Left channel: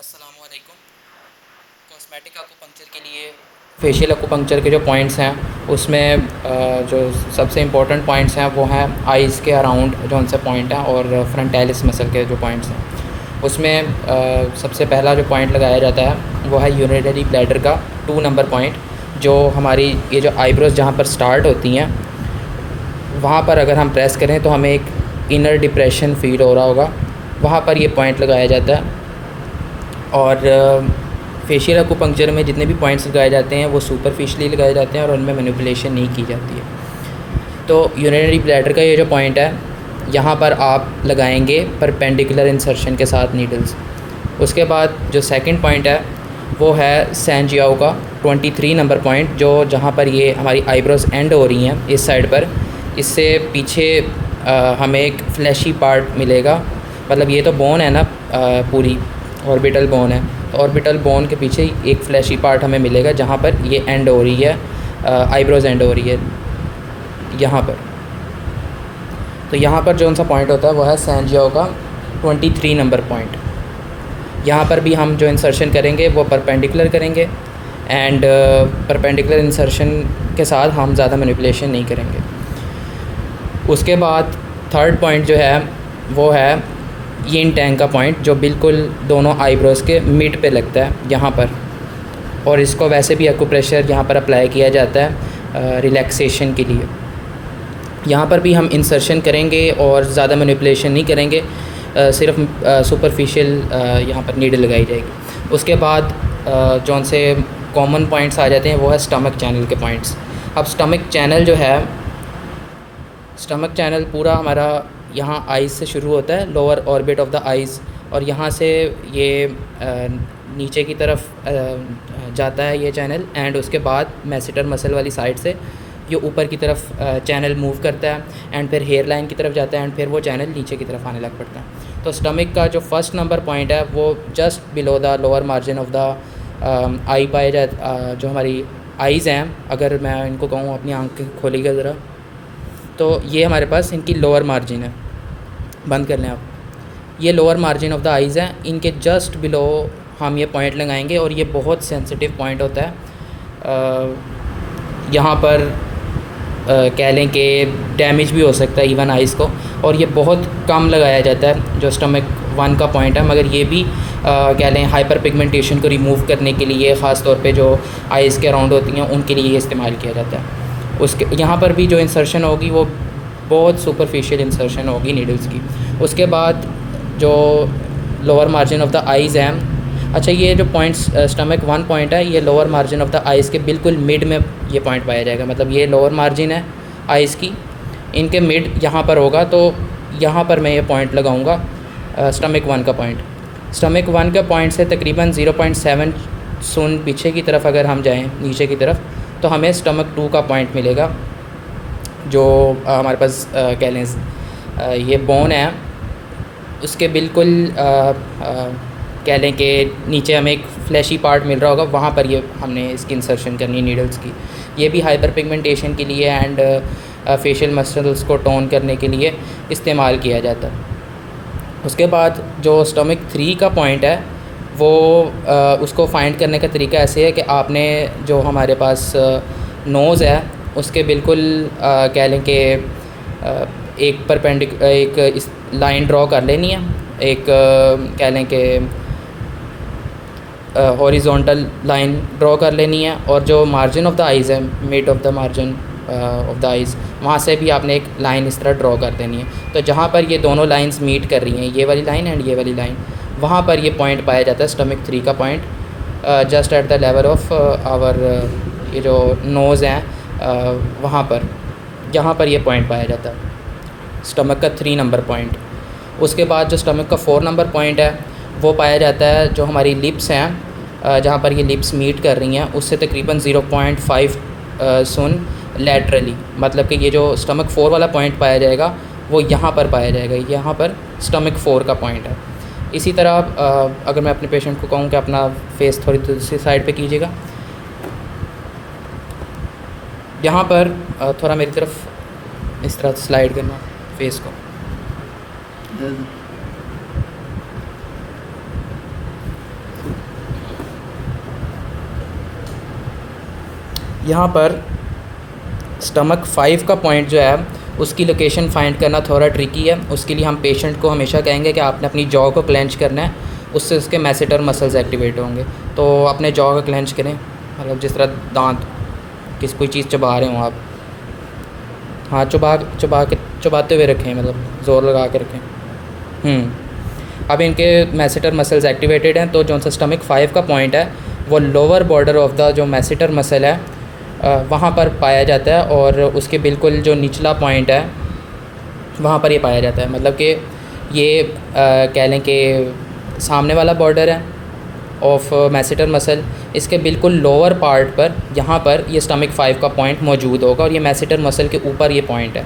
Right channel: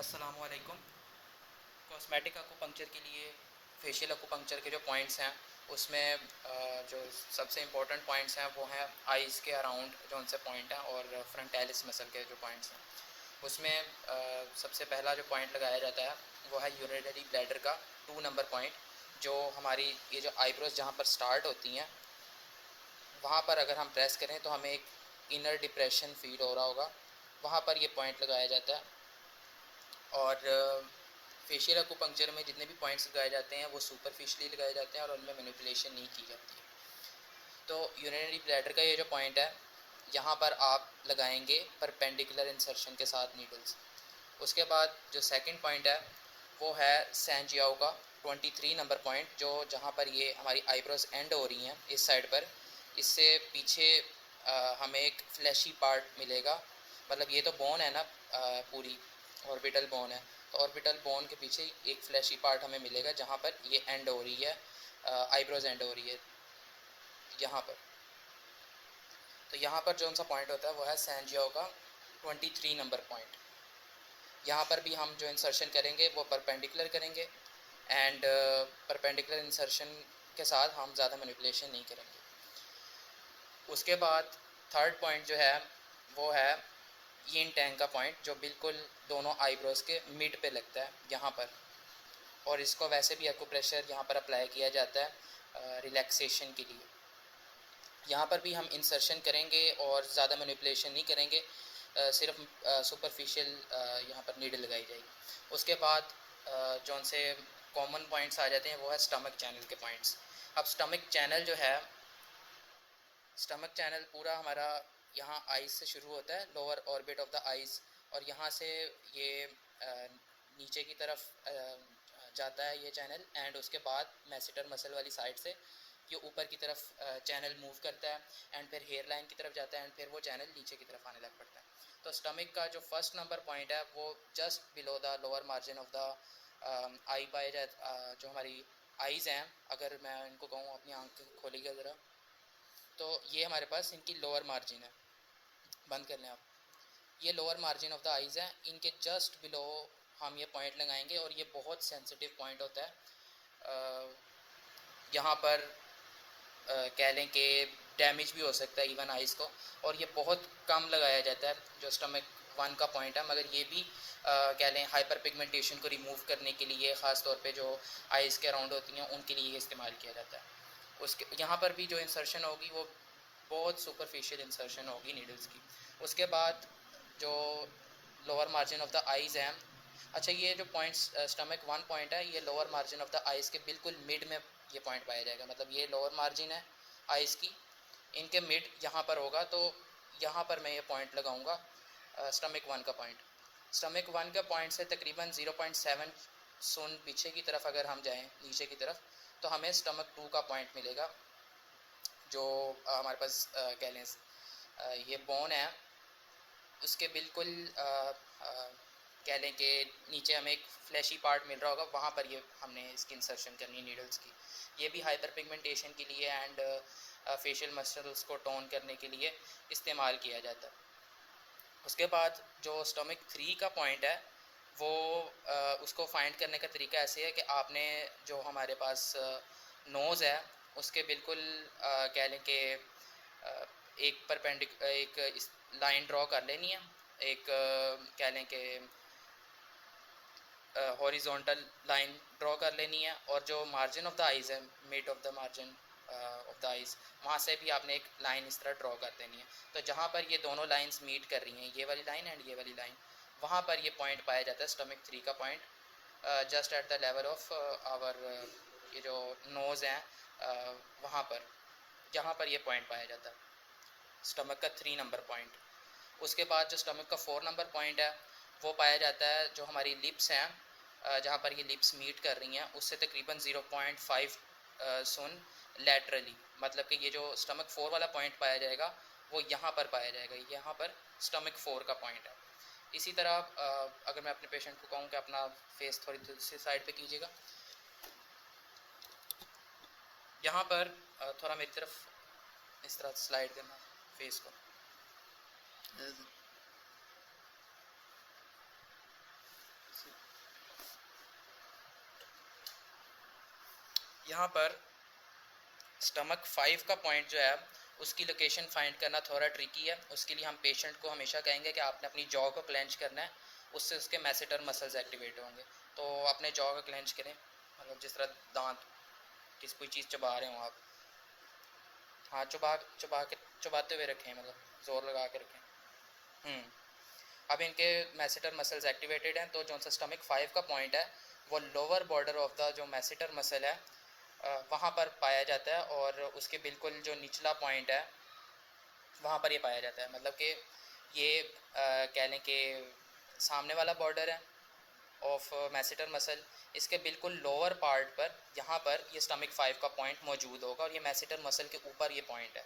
अस्सलामुअलैकुम। कॉस्मेटिक अकुपंक्चर के लिए फेशियल अकुपंक्चर के जो पॉइंट्स हैं उसमें जो सबसे इम्पोर्टेंट पॉइंट्स हैं वो हैं आइज़ के अराउंड जो उनसे पॉइंट हैं और फ्रंटालिस मसल के जो पॉइंट्स हैं उसमें सबसे पहला जो पॉइंट लगाया जाता है वो है यूरिनरी ब्लैडर का 2 नंबर पॉइंट। जो हमारी ये जो आईब्रोज़ जहाँ पर स्टार्ट होती हैं वहाँ पर अगर हम प्रेस करें तो हमें एक इनर डिप्रेशन फील हो रहा होगा, वहाँ पर ये पॉइंट लगाया जाता है। और फेशियल अकुपंक्चर में जितने भी पॉइंट्स लगाए जाते हैं वो सुपरफिशली लगाए जाते हैं और उनमें मैनिपुलेशन नहीं की जाती है। तो यूरिनरी ब्लैडर का ये जो पॉइंट है यहाँ पर आप लगाएंगे परपेंडिकुलर इंसर्शन के साथ नीडल्स। उसके बाद जो सेकंड पॉइंट है वो है सैनजियाओ का 23 नंबर पॉइंट, जो जहाँ पर ये हमारी आईब्रोज एंड हो रही हैं इस साइड पर, इससे पीछे हमें एक फ्लैशी पार्ट मिलेगा। मतलब ये तो बोन है ना, पूरी ऑर्बिटल बोन है, तो ऑर्बिटल बोन के पीछे एक फ्लैशी पार्ट हमें मिलेगा जहाँ पर ये एंड हो रही है, आईब्रोज एंड हो रही है यहाँ पर। तो यहाँ पर जो सा पॉइंट होता है वो है सैनजियाओ का 23 नंबर पॉइंट। यहाँ पर भी हम जो इंसर्शन करेंगे वो परपेंडिकुलर करेंगे एंड परपेंडिकुलर इंसर्शन के साथ हम ज़्यादा मैनिपुलेशन नहीं करेंगे। उसके बाद थर्ड पॉइंट जो है वो है यिन टैंग का पॉइंट, जो बिल्कुल दोनों आईब्रोज़ के मिड पे लगता है यहाँ पर, और इसको वैसे भी एक्यूप्रेशर यहाँ पर अप्लाई किया जाता है रिलैक्सेशन के लिए। यहाँ पर भी हम इंसर्शन करेंगे और ज़्यादा मैनिपुलेशन नहीं करेंगे, सिर्फ सुपरफिशियल यहाँ पर नीडल लगाई जाएगी। उसके बाद जो से कॉमन पॉइंट्स आ जाते हैं वो है स्टमक चैनल के पॉइंट्स। अब स्टमक चैनल जो है, स्टमक चैनल पूरा हमारा यहाँ आइज़ से शुरू होता है, lower orbit of the eyes, और यहाँ से ये नीचे की तरफ जाता है ये चैनल, एंड उसके बाद मैसेटर मसल वाली साइड से ये ऊपर की तरफ चैनल मूव करता है एंड फिर हेयर लाइन की तरफ जाता है एंड फिर वो चैनल नीचे की तरफ आने लग पड़ता है। तो स्टमक का जो फर्स्ट नंबर पॉइंट है वो just below the lower margin of the eye पाए जाता, जो हमारी आइज़ हैं, अगर मैं इनको कहूँ अपनी आँखें खोलिएगा ज़रा, तो ये हमारे पास इनकी लोअर मार्जिन है, बंद कर लें आप। ये lower margin of the eyes हैं, इनके जस्ट बिलो हम ये पॉइंट लगाएंगे और ये बहुत सेंसिटिव पॉइंट होता है। यहाँ पर कह लें कि डैमेज भी हो सकता है इवन आइज़ को, और ये बहुत कम लगाया जाता है जो स्टमक 1 का पॉइंट है, मगर ये भी कह लें हाइपर पिगमेंटेशन को रिमूव करने के लिए, ख़ास तौर पे जो आइज़ के अराउंड होती हैं उनके लिए ये इस्तेमाल किया जाता है। उसके यहाँ पर भी जो इंसर्शन होगी वो बहुत सुपरफिशियल इंसर्शन होगी नीडल्स की। उसके बाद जो lower margin of the eyes हैं, अच्छा ये जो पॉइंट्स स्टमक 1 पॉइंट है ये lower margin of the eyes के बिल्कुल मिड में ये पॉइंट पाया जाएगा। मतलब ये लोअर मार्जिन है आइज़ की, इनके मिड यहाँ पर होगा, तो यहाँ पर मैं ये पॉइंट लगाऊंगा स्टमक 1 का पॉइंट। स्टमक 1 का पॉइंट से तकरीबन 0.7 सुन पीछे की तरफ अगर हम जाएँ नीचे की तरफ, तो हमें स्टमक 2 का पॉइंट मिलेगा, जो हमारे पास कह लें ये बोन है उसके बिल्कुल कह लें कि नीचे हमें एक फ्लैशी पार्ट मिल रहा होगा, वहाँ पर ये हमने इसकी इंसर्शन करनी है नीडल्स की। ये भी हाइपर पिगमेंटेशन के लिए एंड फेशियल मसल्स को टोन करने के लिए इस्तेमाल किया जाता है। उसके बाद जो स्टमक 3 का पॉइंट है वो उसको फाइंड करने का तरीका ऐसे है कि आपने जो हमारे पास नोज़ है उसके बिल्कुल कह लें कि एक इस लाइन ड्रॉ कर लेनी है, एक कह लें कि हॉरिजॉन्टल लाइन ड्रॉ कर लेनी है, और जो मार्जिन ऑफ द आइज़ है, mid of the margin of the eyes, वहाँ से भी आपने एक लाइन इस तरह ड्रॉ कर देनी है। तो जहाँ पर ये दोनों लाइंस मीट कर रही हैं, ये वाली लाइन एंड ये वाली लाइन, वहाँ पर ये पॉइंट पाया जाता है स्टमक 3 का point, just at the level of our ये जो नोज़ हैं वहाँ पर, यहाँ पर ये पॉइंट पाया जाता है स्टमक का 3 नंबर पॉइंट। उसके बाद जो स्टमक का 4 नंबर पॉइंट है वो पाया जाता है जो हमारी लिप्स हैं, जहाँ पर ये लिप्स मीट कर रही हैं उससे तकरीबन 0.5 सुन लैटरली। मतलब कि ये जो स्टमक 4 वाला पॉइंट पाया जाएगा वो यहाँ पर पाया जाएगा, यहाँ पर स्टमक 4 का पॉइंट है। इसी तरह अगर मैं अपने पेशेंट को कहूँ कि अपना फेस थोड़ी दूसरी साइड पे कीजिएगा, यहाँ पर थोड़ा मेरी तरफ इस तरह स्लाइड करना फेस को, यहाँ पर स्टमक 5 का पॉइंट जो है उसकी लोकेशन फाइंड करना थोड़ा ट्रिकी है। उसके लिए हम पेशेंट को हमेशा कहेंगे कि आपने अपनी जॉ को क्लेंच करना है, उससे उसके मैसेटर मसल्स एक्टिवेट होंगे। तो अपने जॉ को क्लेंच करें, मतलब जिस तरह दांत कोई चीज़ चबा रहे हों आप, हाँ चबाते हुए रखें, मतलब ज़ोर लगा के रखें। अब इनके मैसेटर मसल्स एक्टिवेटेड हैं, तो जो सा स्टमक 5 का पॉइंट है वो लोअर बॉर्डर ऑफ द जो मैसेटर मसल है वहाँ पर पाया जाता है, और उसके बिल्कुल जो निचला पॉइंट है वहाँ पर ये पाया जाता है। मतलब कि ये कह लें कि सामने वाला बॉर्डर है ऑफ मैसेटर मसल, इसके बिल्कुल लोअर पार्ट पर यहाँ पर ये स्टमक 5 का पॉइंट मौजूद होगा, और ये मैसेटर मसल के ऊपर ये पॉइंट है।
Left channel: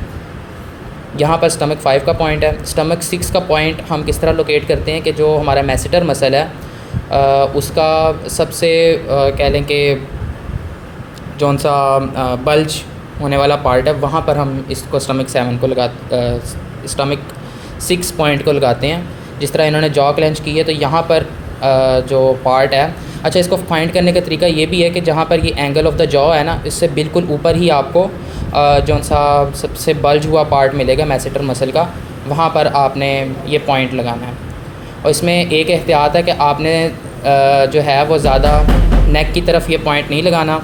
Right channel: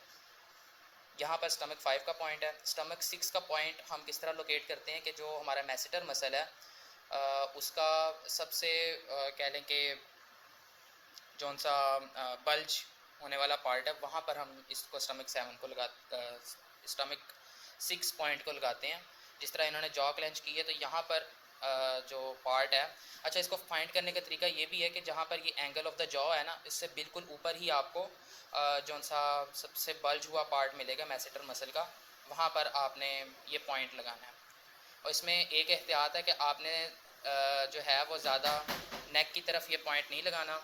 यहाँ पर स्टमक 5 का पॉइंट है। स्टमक 6 का पॉइंट हम किस तरह लोकेट करते हैं कि जो हमारा मैसेटर मसल है उसका सबसे कह लें कि जौन सा बल्ज होने वाला पार्ट है वहाँ पर हम इसको स्टमक 7 को स्टमक 6 पॉइंट को लगाते हैं। जिस तरह इन्होंने जॉ क्लेंच की है, तो यहाँ पर जो पार्ट है, अच्छा इसको फाइंड करने का तरीका ये भी है कि जहाँ पर ये एंगल ऑफ द जॉ है ना, इससे बिल्कुल ऊपर ही आपको जौन सा सबसे बल्ज हुआ पार्ट मिलेगा मैसेटर मसल का, वहाँ पर आपने ये पॉइंट लगाना है। और इसमें एक एहतियात है कि आपने जो है वो ज़्यादा नेक की तरफ ये पॉइंट नहीं लगाना,